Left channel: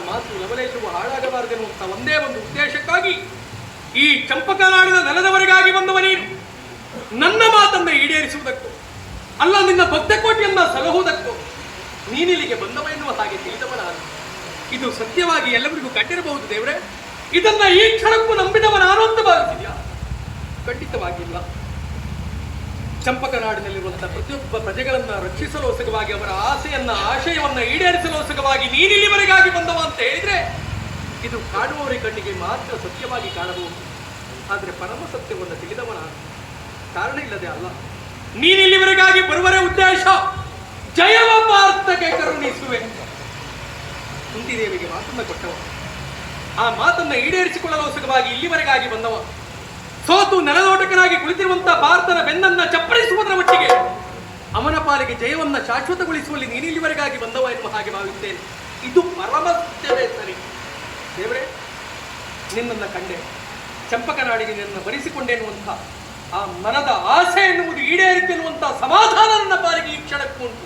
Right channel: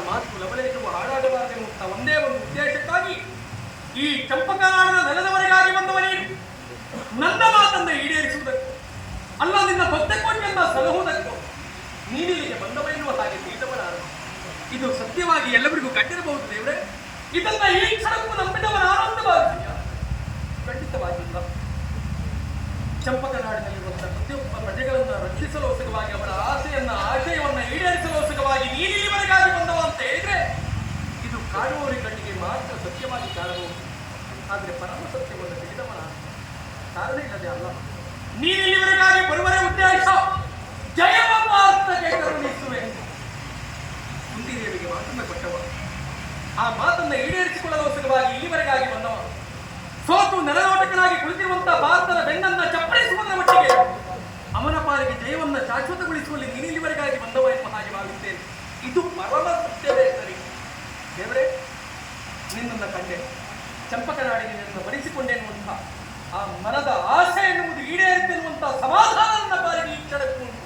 ಮಾತು ಲವಲೇಶವು ಹಾಳಾಗಬಾರದೆನ್ನುವಂಥ ಒಂದೇ ಒಂದು ಉದ್ದೇಶಕ್ಕಾಗಿ ಈ ಚಂಪಕನಾಡದ ನೆಲದವರೆಗಾಗಿ ಬಂದವ ನೀನು ನನ್ನ ಮಾತನ್ನು ಈಡೇರಿಸುವುದಕ್ಕೂ, ಅಲ್ಲ ನಿನ್ನ ಬದ್ಧಕೋಟೆಯನ್ನ ಸಲಹುವುದಕ್ಕೂ ನೀನಿಲ್ಲಿಗೆ ಬಂದವ ಎನ್ನುವ ಹಾಗೆ ತಿಳಿದವನಾದ. ಇದು ಸತ್ಯವಾಗಿ ಎಲ್ಲರಿಗೂ ಕಟ್ಟಿರಬಹುದು ದೇವರೇ. ಇದನ್ನ ಈ ಕ್ಷಣಕ್ಕೂ ನಂಬಿದವನಾನೋ ಅಂತ ಚಂಪಕನಾಡಿನಲ್ಲಿರುವಂತಹ ಪ್ರತಿಯೊಬ್ಬ ಪ್ರಜೆಗಳನ್ನ ರಕ್ಷಿಸಲೋಸಕವಾಗಿ ಅವರ ಆಸೆಯನ್ನ, ಆಶಯವನ್ನ ಈಡೇರಿಸಲು ಹೊಸಕವಾಗಿ ನೀನಿಲ್ಲಿವರೆಗಾಗಿ ಬಂದವ ಅಂತ ಹೇಳಿದ್ರೆ ಇದು ಕಾಣುವವರ ಕಣ್ಣಿಗೆ ಮಾತ್ರ ಸತ್ಯವಾಗಿ ಕಾಣಬಹುದು. ಆದ್ರೆ ಪರಮ ಸತ್ಯವನ್ನು ತಿಳಿದವನ ಕಾರಣ ಇಲ್ಲದೆ ಅಲ್ಲ. ನೀನಿಲ್ಲಿವರೆಗಾಗಿ ಬರುವರ ಉದ್ದೇಶ, ಜಯವ ಭಾರತಕ್ಕೆ ಕರುಣಿಸುವೆ ಕುಂತಿದೇವಿಗೆ ಮಾತನ್ನ ಕೊಟ್ಟವ. ಆ ಮಾತನ್ನ ಈಡೇರಿಸಿಕೊಳ್ಳಲೋಸಕವಾಗಿ ಇಲ್ಲಿವರೆಗಾಗಿ ಬಂದವ. ಸೋತು ನೆಲದೋಟಕನಾಗಿ ಕುಳಿತಿರುವಂತಹ ಜಯವನ್ನ ಶಾಶ್ವತಗೊಳಿಸುವಲ್ಲಿ ನೀನಿಲ್ಲಿವರೆಗಾಗಿ ಬಂದವ ಎನ್ನುವ ಹಾಗೆ ಭಾವಿಸ್ತೇನೆ ಇದು ಪರಮ ಸತ್ಯವೇ ಸರಿ. ದೇವರೇ, ನಿನ್ನನ್ನು ಕಂಡೆ. ಚಂಪಕನಾಡಿಗೆ ನಿನ್ನ ಬರಿಸಿಕೊಂಡೆ ಎನ್ನುವಂತಹ ಆ ಮನದ ಆಸೆ ಎನ್ನುವುದು ಈಡೇರಿತೆನ್ನುವಂತಹ ಸಮಾಧಾನ ನನ್ನ ಪಾಲಿಗೆ ಈ ಕ್ಷಣಕ್ಕುಂಟು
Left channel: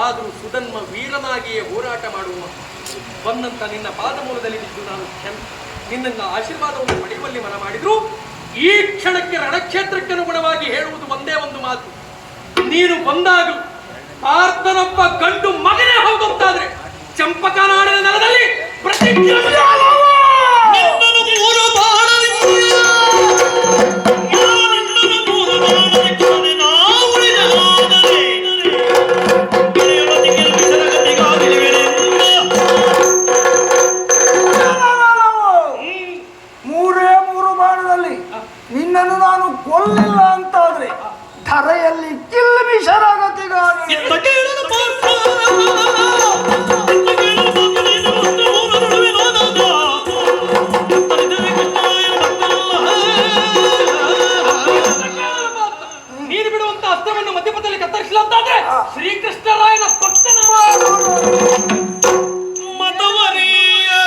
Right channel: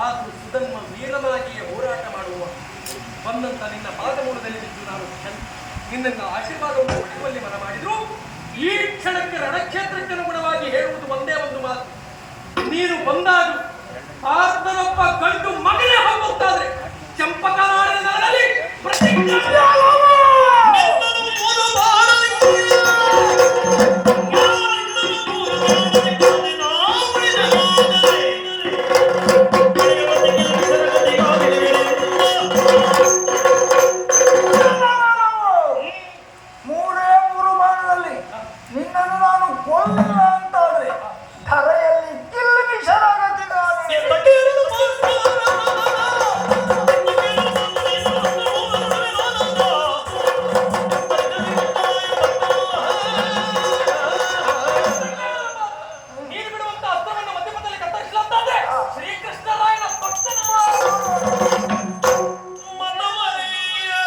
ಆದರೂ ಸುಧನ್ಮ ವೀರನಾಗಿಯೇ ಹೋರಾಟ ಮಾಡುವ ಬಂದಂತ ನಿನ್ನ ಪಾದಮೂಲದಲ್ಲಿ ಬಿದ್ದು ನಾನು ಕ್ಷಮ ನಿನ್ನ ಆಶೀರ್ವಾದವನ್ನು ಪಡೆಯುವಲ್ಲಿ ಮನ ಮಾಡಿದ್ರು ಈ ಕ್ಷಣಕ್ಕೆ ರಣಕ್ಷೇತ್ರಕ್ಕೆ ಅನುಗುಣವಾಗಿ ಹೇಳುವುದು ಒಂದೇ ಒಂದು ಮಾತು. ನೀನು ಬಂದಾಗ ಆರ್ತನೊಬ್ಬ ಗಂಡು ಮಗನೇ ಹೋಗುತ್ತಾದ್ರೆ ನೆಲದಲ್ಲಿ ಪ್ರತಿಜ್ಞೆ ಮೂರೇ ಮೂರು ಬಾಣದಲ್ಲಿ ನಿನ್ನನ್ನು ನಾನು ಕೊಲ್ಲಿಲ್ಲ ಅಂತಾದ್ರೆ ಧರೆಯಲ್ಲಿ. ನೀನು